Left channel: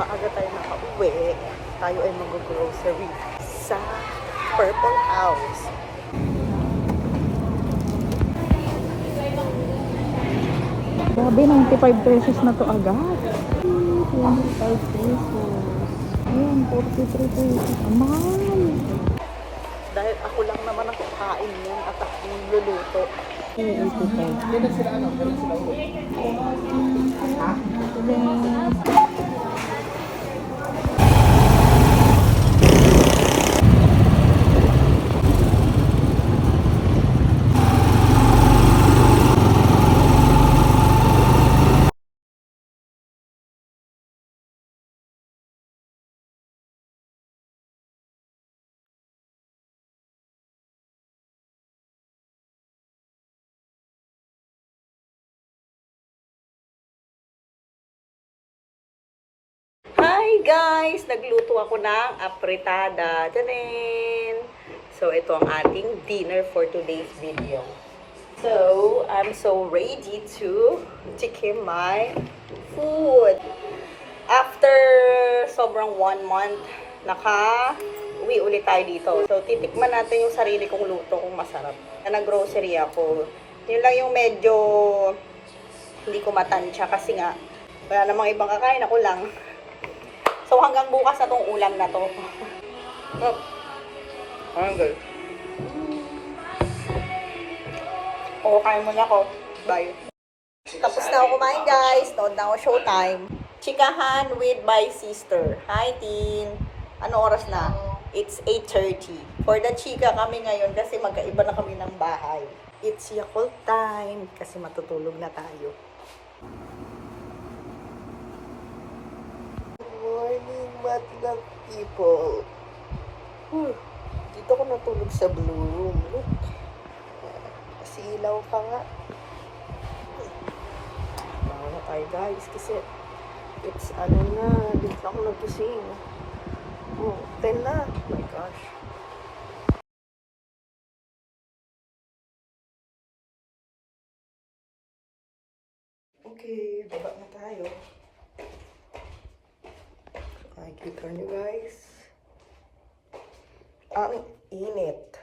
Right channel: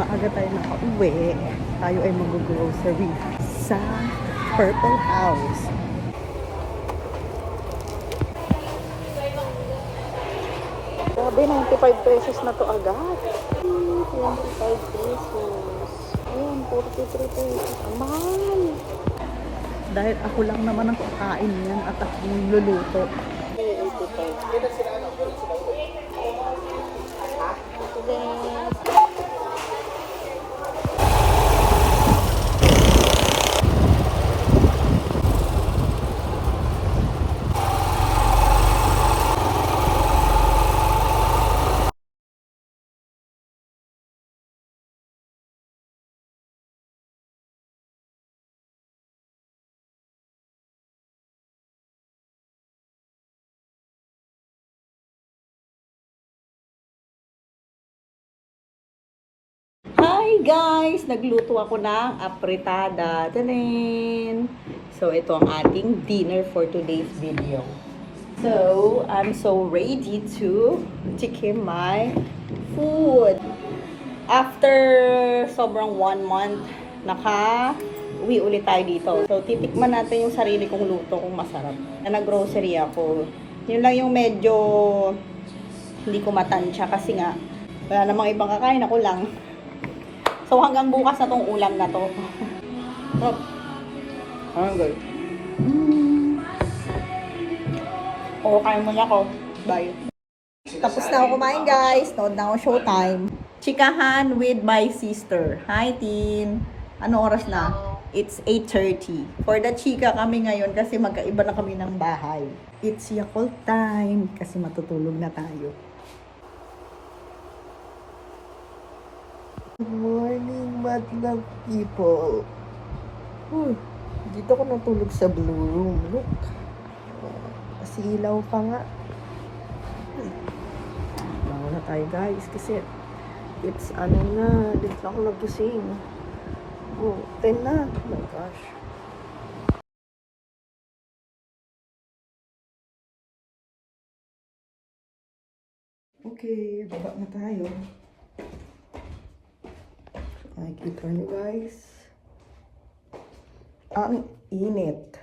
maaga tayo nakauwi. Tayo ay mag-grocery sa Purple House. Grabe, 95 pesos na to agad. Dahil ako lang naman ang kakain yan at ako yung luluto. Hi guys! Nagluto ako ng apritada. Tanin! So, ito ang ating dinner for today's video. So, I'm so ready to tikim my food. After sobrang 1 month, uwi ulit tayo dito. So, titikman natin yung sarili kong luto kung masarap. Na nag-grocery ako. Yun lang yung medyo hindi ko matansya kasi nga wala namang ibang kakain, ako lang. So, hanggang bukas na tong ulam na to. Hanggang. O, kain muna ako. Bye. Tapos na ako kumain, guys. Nood na ako showtime. Chikahan with my sister. Hi, Tin. Ano oras na? It's 8:30. For the chika kami ngayon kasi magkaiba na kami ng bahay. It's Yakult time kasi matutulog na tayo. Good morning, madlang people. Dito ko natulog sa blue room. Look. Kasi ilaw pa nga. Bawa na tayo guys kasi it's ano na, it's ako nabusing. Oh, 10 na. Oh my gosh. Okay, baba na tayo. Makikita nyo guys. Ang init.